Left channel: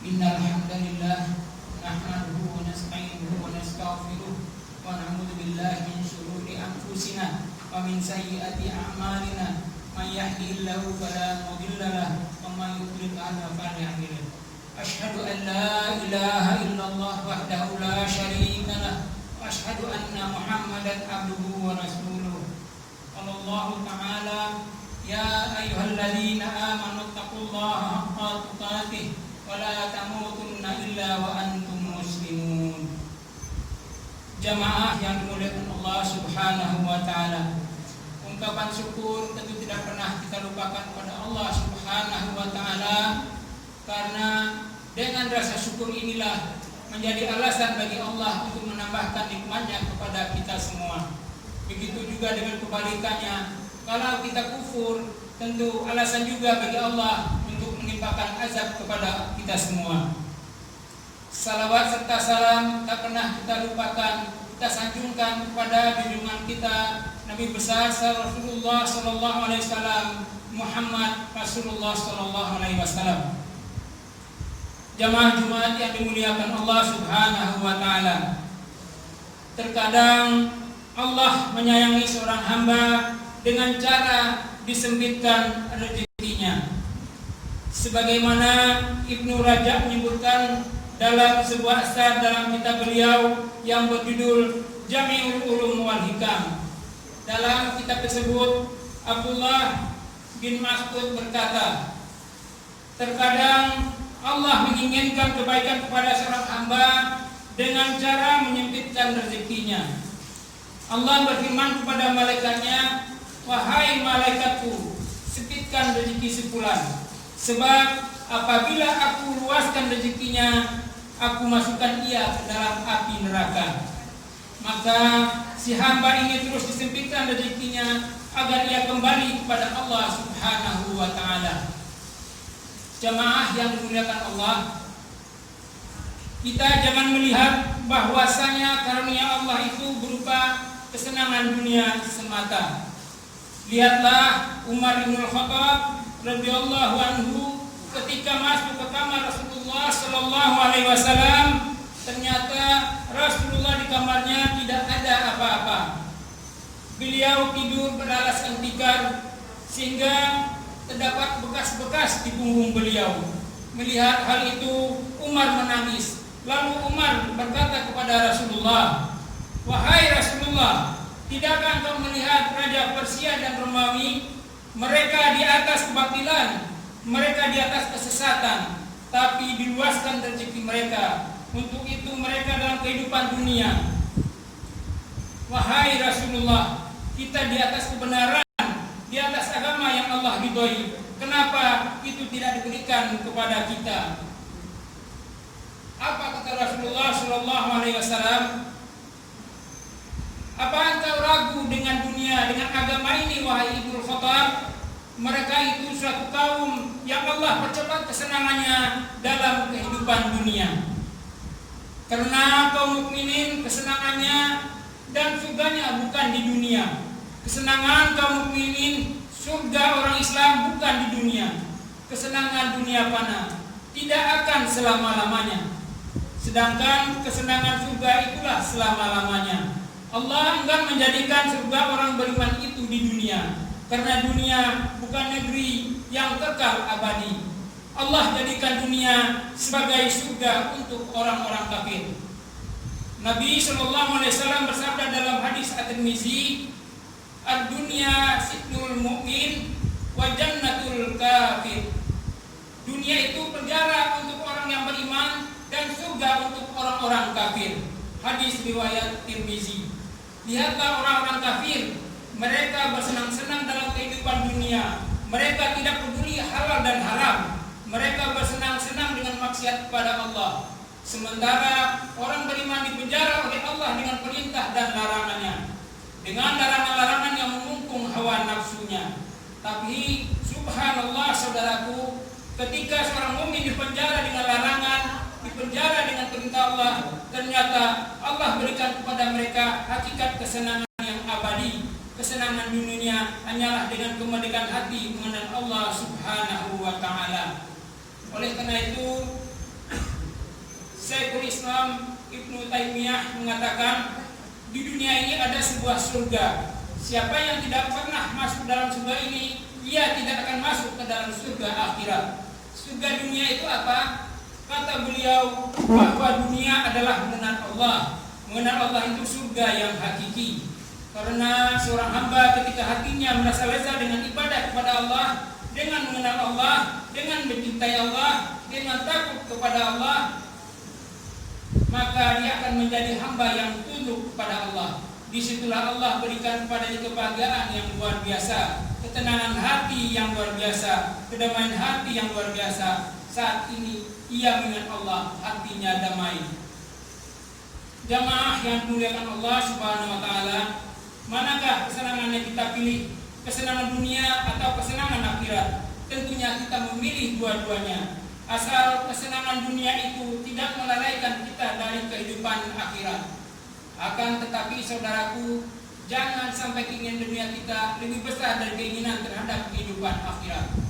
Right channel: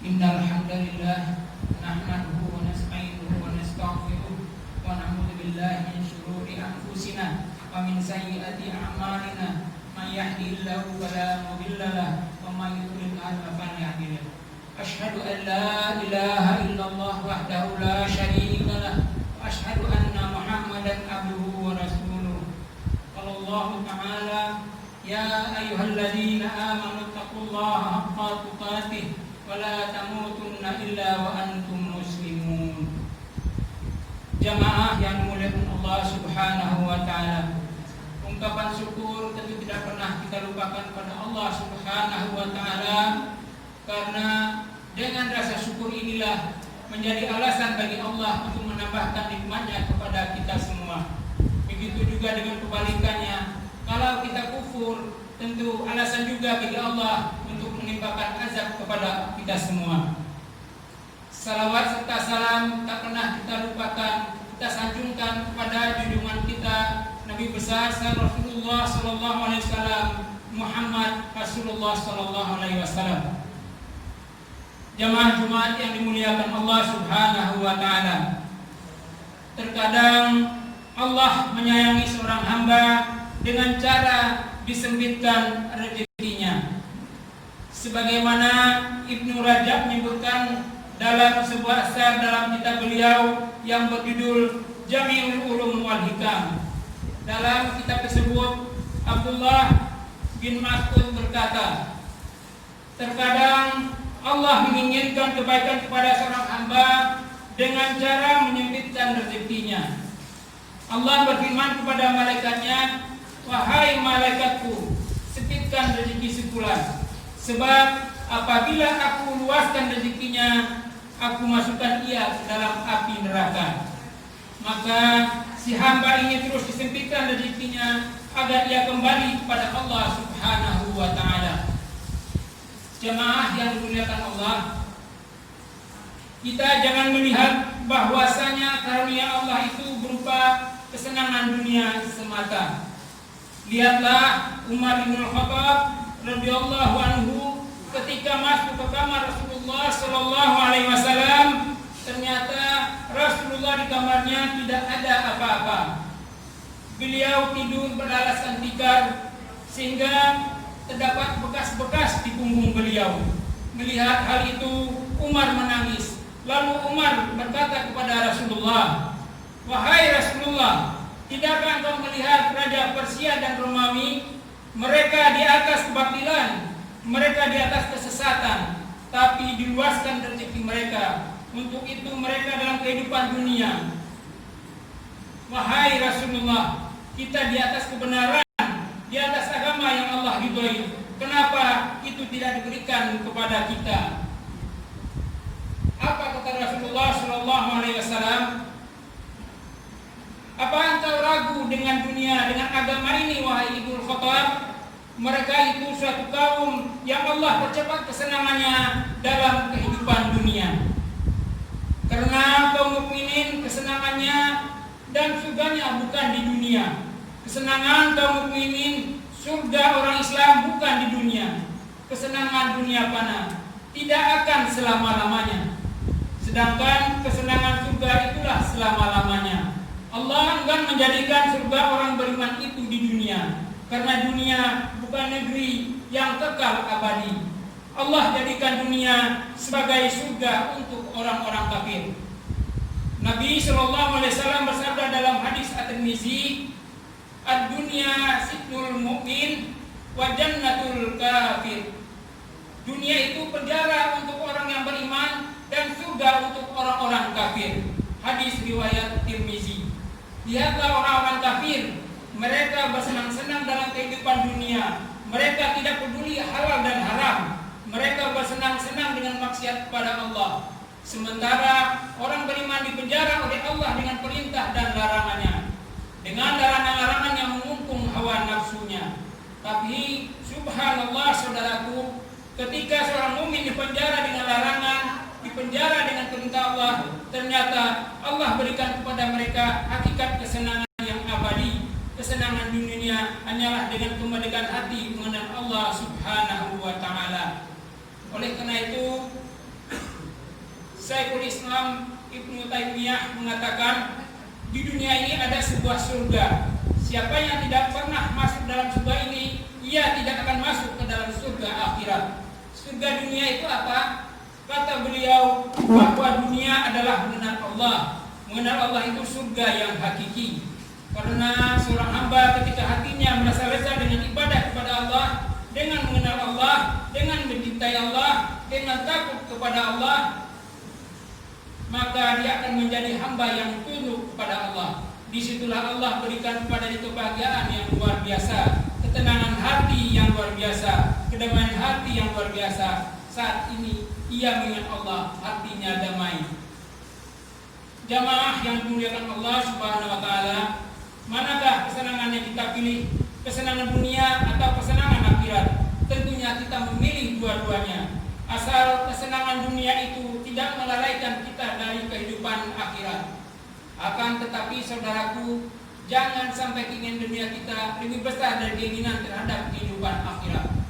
Innal hamdalillah nahmaduhu wa nasta'inuhu wa nastaghfiruh wa na'udzu billahi min shururi anfusina wa min sayyiati a'malina. May yahdihillahu fala mudilla lahu wa may yudlil fala hadiya lahu. Asyhadu an la ilaha illallah wahdahu la syarika lahu wa asyhadu anna Muhammadan abduhu wa rasuluh. Qala ta'ala ya ayyuhalladzina amanu taqullaha haqqa tuqatih wala tamutunna illa wa antum muslimun. Jamaah yang dimuliakan Allah Subhanahu wa taala. Ungkapan syukur tentu tidak pernah kita lupakan kepada Allah Subhanahu wa taala, karena dengan rasa syukur inilah menjadi alasan bagi Allah untuk menambahkan nikmat-Nya kepada kita semua. Begitu juga dengan kebalikannya, kalau kita kufur, tentu alasan juga bagi Allah untuk menimpakan azab kepada kita semua. Salawat serta salam tak pernah kita lupakan, kita sanjungkan kepada junjungan kita Nabi besar Rasulullah sallallahu alaihi wasallam, Muhammad Rasulullah sallallahu alaihi wasallam. Jamaah Jumat yang dimuliakan Allah Subhanahu wa taala. Terkadang Allah menyayangi seorang hamba dengan cara disempitkan rezekinya. Sebagaimana Ibnu Rajab menyebutkan dalam sebuah asar dalam kitab beliau yang berjudul Jami'ul Ulum wal Hikam. Dalam kitab tersebut Abdullah bin Mas'ud berkata, terkadang Allah menginginkan kebaikan kepada seorang hamba dengan cara menyempitkan rezekinya. Allah berfirman kepada malaikatnya, wahai malaikatku, sempitkan rezeki sebulan, sebab apabila aku luaskan rezekinya, aku masukkan ia ke dalam api neraka. Maka si hamba ini terus disempitkan rezekinya agar ia kembali kepada Allah Subhanahu wa taala. Jamaah yang dimuliakan Allah, kita jangan melihat bahwasanya karunia Allah itu berupa kesenangan dunia semata. Lihatlah Umar bin Khattab radhiyallahu anhu ketika masuk ke kamar Rasulullah sallallahu alaihi wasallam, ternyata Rasulullah di kamarnya tidak ada apa-apa. Beliau tidur beralaskan tikar sehingga terdapat bekas-bekas di punggung beliau. Melihat hal itu, Umar menangis. Lalu Umar berkata kepada Rasulullah, wahai Rasulullah, tidakkah engkau melihat Raja Persia dan Romawi? Mereka di atas kebatilan, mereka di atas kesesatan, tapi diluaskan rezeki mereka. Untuk itu mereka dalam kehidupan dunia. Wahai Rasulullah, kita di atas kebenaran, di atas agama yang Allah ridhoi. Kenapa itu tidak diberikan kepada kita? Apa kata Rasulullah sallallahu alaihi wasallam? Apa engkau ragu dengan dunia, dengan agama ini, wahai Ibnu Khattab? Mereka itu suatu kaum yang Allah percepat kesenangannya dalam kehidupan dunia. Karena kaum mukminin kesenangannya dan surganya bukan di dunia. Kesenangan kaum mukminin, surga orang Islam bukan di dunia. Kesenangan dunia fana, tidak akan selama-lamanya. Sedangkan kesenangan surga itulah selama-lamanya. Allah enggan menjadikan surga orang beriman itu di dunia, karena dunia bukan negeri yang kekal abadi. Allah jadikan dunia sebagai surga untuk orang-orang kafir. Nabi sallallahu alaihi wasallam bersabda dalam hadis At-Tirmizi, ad-dunya sijnul mu'min wa jannatul kafir. Dunia itu penjara untuk orang yang beriman dan surga untuk orang-orang kafir. Hadis riwayat Tirmizi. Lihatlah orang-orang kafir, mereka bersenang-senang dalam kehidupan dunia. Mereka tidak peduli halal dan haram. Mereka bersenang-senang dengan maksiat kepada Allah. Sementara orang beriman dipenjara oleh Allah dengan perintah dan larangannya, dengan larangan-larangan yang mengungkung hawa nafsunya. Tapi subhanallah saudaraku, ketika seorang mukmin dipenjara dengan larangan, dipenjara dengan perintah Allah, ternyata Allah berikan kepada mereka hakikat kesenangan yang abadi. Kesenangan dunia hanyalah dengan kemerdekaan hati mengenal Allah Subhanahu wa taala. Oleh karena itu, Syekhul Islam Ibnu Taimiyah mengatakan, di dunia ini ada sebuah surga. Siapa yang tidak pernah masuk dalam surga ini, ia tidak akan masuk ke dalam surga akhirat. Surga dunia itu apa? Kata beliau bahwa dunia adalah mengenal Allah. Mengenal Allah itu surga yang hakiki. Karena seorang hamba ketika hatinya merasa lezat dengan ibadah kepada Allah, dengan mengenal Allah, dengan mencintai Allah, dengan takut kepada Allah, maka dia akan menjadi hamba yang tunduk kepada Allah. Disitulah Allah berikan kepadanya kebahagiaan yang luar biasa, ketenangan hati yang luar biasa, kedamaian hati yang luar biasa. Saat ini ia mengingat Allah, hatinya damai. Jamaah yang dimuliakan Allah Subhanahu wa taala, manakah kesenangan yang kita pilih? Kesenangan dunia atau kesenangan akhirat? Tentunya kita memilih dua-duanya. Asal kesenangan dunia itu tidak melalaikan kita dari kehidupan akhirat. Akan tetapi saudaraku, jangan sampai keinginan dunia kita lebih besar dari keinginan terhadap kehidupan akhirat.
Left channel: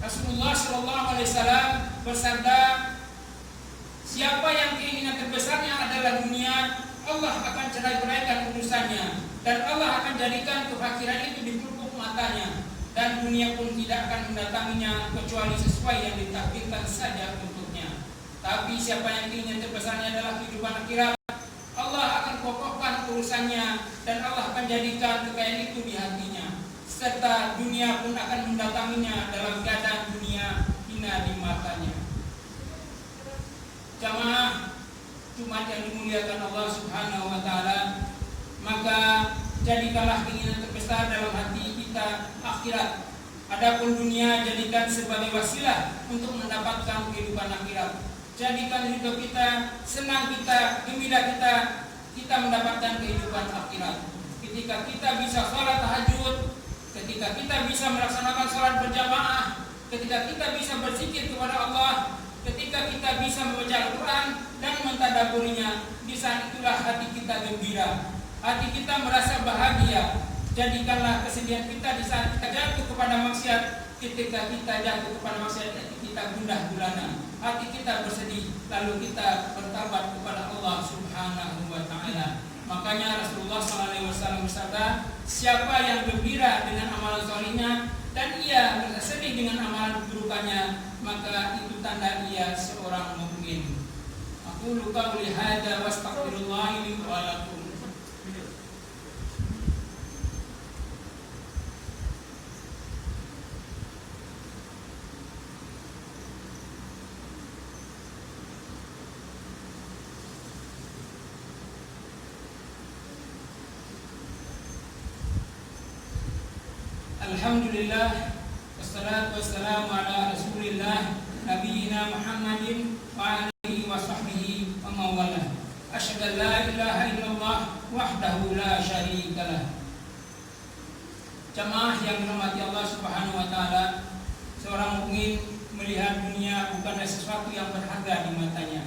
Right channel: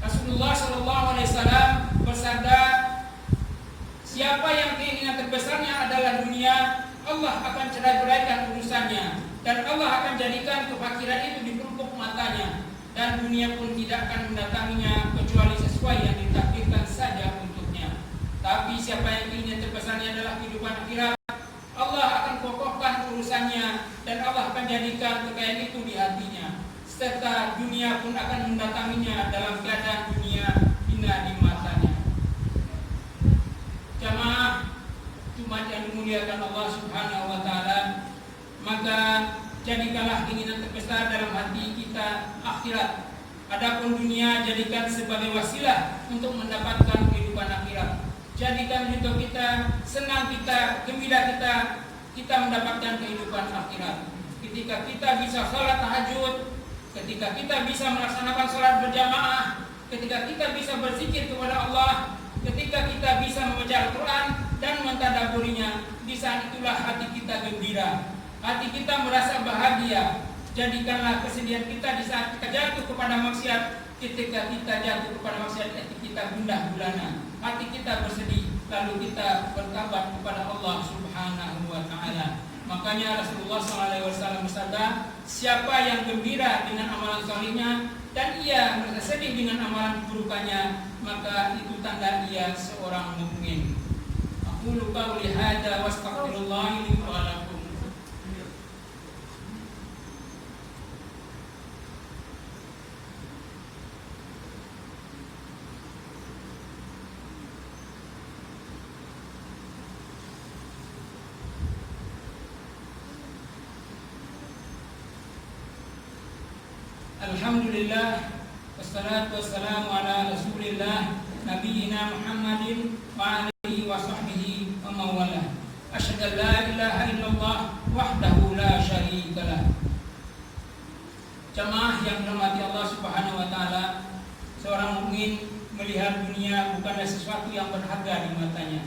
Rasulullah SAW bersabda, siapa yang keinginan terbesarnya adalah dunia, Allah akan cerai-beraikan urusannya, dan Allah akan jadikan kefakiran itu di pelupuk matanya, dan dunia pun tidak akan mendatanginya kecuali sesuai yang ditakdirkan saja untuknya. Tapi siapa yang keinginan terbesarnya adalah kehidupan akhirat, Allah akan kokohkan urusannya, dan Allah akan jadikan kekayaan itu di hatinya, serta dunia pun akan mendatanginya dalam keadaan dunia hina di matanya. Jamaah Jumat yang dimuliakan Allah Subhanahu wa taala, maka jadikanlah keinginan terbesar dalam hati kita akhirat. Adapun dunia jadikan sebagai wasilah untuk mendapatkan kehidupan akhirat. Jadikan hidup kita, senang kita, gembira kita mendapatkan kehidupan akhirat. Ketika kita bisa sholat tahajud, ketika kita bisa melaksanakan sholat berjamaah, ketika kita bisa berzikir kepada Allah, ketika kita bisa membaca Al-Quran dan mentadabburinya, di saat itulah hati kita gembira, hati kita merasa bahagia. Jadikanlah kesedihan kita di saat kita jatuh kepada maksiat. Ketika kita jatuh kepada maksiat, hati kita gundah gulana, hati kita bersedih, lalu kita bertobat kepada Allah Subhanahu wa taala. Makanya Rasulullah SAW bersabda, siapa yang gembira dengan amalan salihnya dan ia merasa sedih dengan amalan keburukannya, maka itu tanda ia seorang mukmin. Aqulu qawli hadza wa astaghfirullah li wa lakum. Alhamdulillah, wassalatu wassalamu ala Rasulillah nabiyina Muhammadin wa alihi wa sahbihi wa mawalah. Asyhadu an la ilaha illallah wahdahu la syarikalah. Jamaah yang dirahmati Allah Subhanahu wa taala, seorang mukmin melihat dunia bukanlah sesuatu yang berharga di matanya,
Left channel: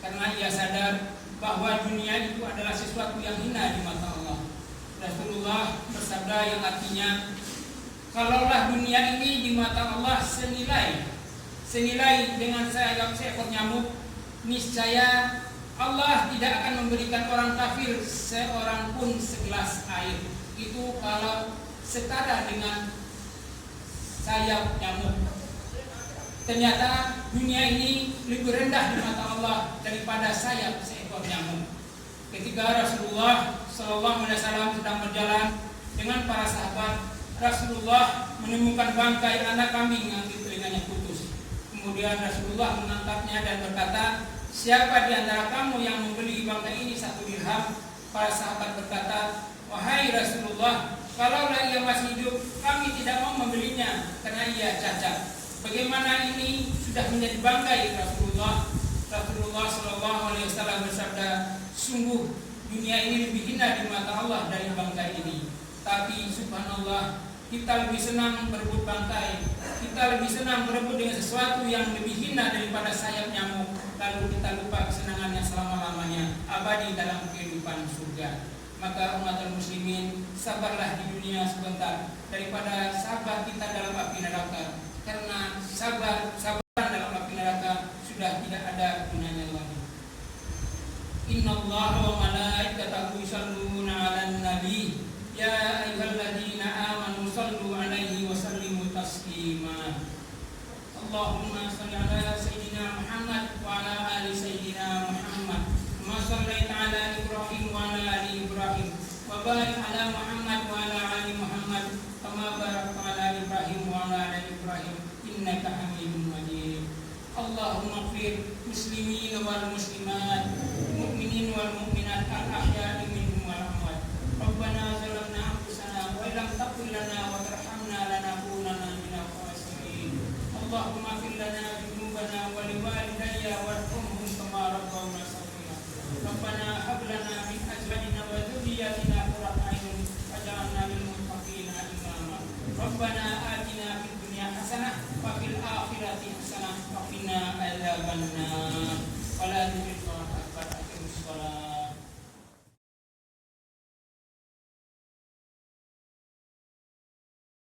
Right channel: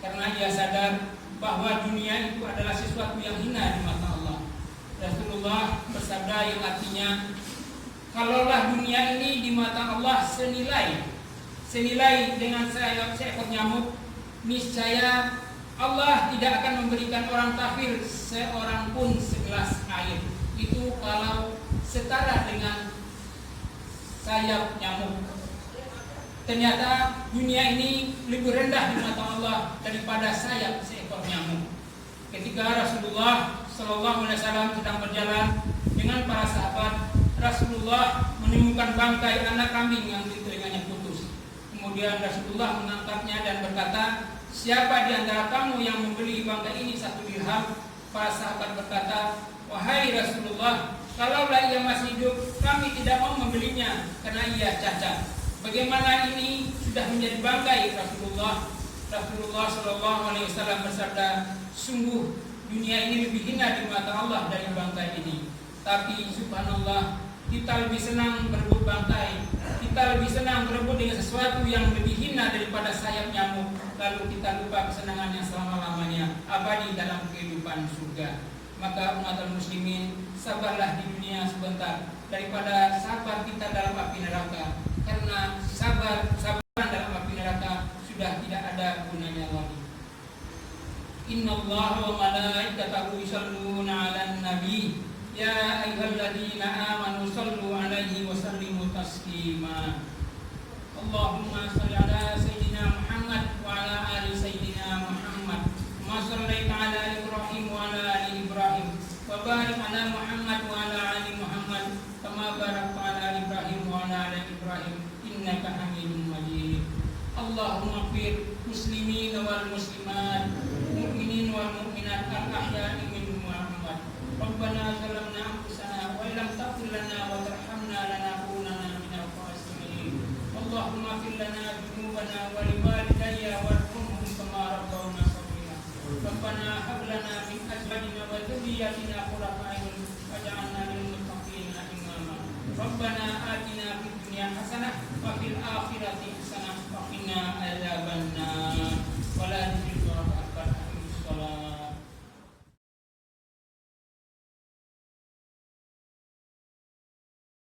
karena ia sadar bahwa dunia itu adalah sesuatu yang hina di mata Allah. Rasulullah bersabda yang artinya, kalaulah dunia ini di mata Allah senilai dengan seekor nyamuk, niscaya Allah tidak akan memberikan orang kafir seorang pun segelas air. Itu kalau setara dengan sayap nyamuk. Ternyata dunia ini lebih rendah di mata Allah daripada sayap seekor nyamuk. Ketika Rasulullah SAW sedang berjalan dengan para sahabat, Rasulullah menemukan bangkai anak kambing yang di telinganya putus. Kemudian Rasulullah mengangkatnya dan berkata, siapa di antara kamu yang membeli bangkai ini 1 dirham? Para sahabat berkata, wahai Rasulullah, kalaulah ia masih hidup, kami tidak mau membelinya karena ia cacat. Bagaimana ini sudah menjadi bangkai Rasulullah? Rasulullah SAW bersabda, sungguh dunia ini lebih hina di mata Allah dari bangkai ini. Tapi subhanallah, kita lebih senang berebut bangkai, kita lebih senang berebut dengan sesuatu yang lebih hina daripada sayap nyamuk. Lalu kita lupa kesenangannya selama-lamanya abadi dalam kehidupan surga. Maka umat muslimin, sabarlah di dunia sebentar daripada sabar kita dalam api neraka. Karena sabar dalam api neraka sudah tidak ada gunanya. Innallaha wa malaikatahu yusholluna 'alan nabi. Ya ayyuhalladzina amanu shallu 'alaihi wa sallimu taslima. Allahumma shalli 'ala sayyidina Muhammad wa 'ala ali sayyidina Muhammad. Kama shallaita 'ala Ibrahim wa 'ala ali Ibrahim. Wa barik 'ala Muhammad wa 'ala ali Muhammad kama barakta 'ala Ibrahim wa 'ala ali Ibrahim innaka Hamidum Majid. Allahumma ighfir muslimin wal muslimat, mu'minin wal mu'minat al-ahya'i minhum wal amwat. Rabbana zalamna anfusana wa illam taghfir lana wa tarhamna lanakunanna minal khasirin. Allahumma ighfir lana dhunubana wa liwalidayya warhamhum kama rabbawna shaghira. Rabbana hab lana min azwajina wa dhurriyyatina qurrata a'yun waj'alna lil muttaqina imama. Rabbana atina fid dunya hasanah wa fil akhirati hasanah wa qina adzabannar.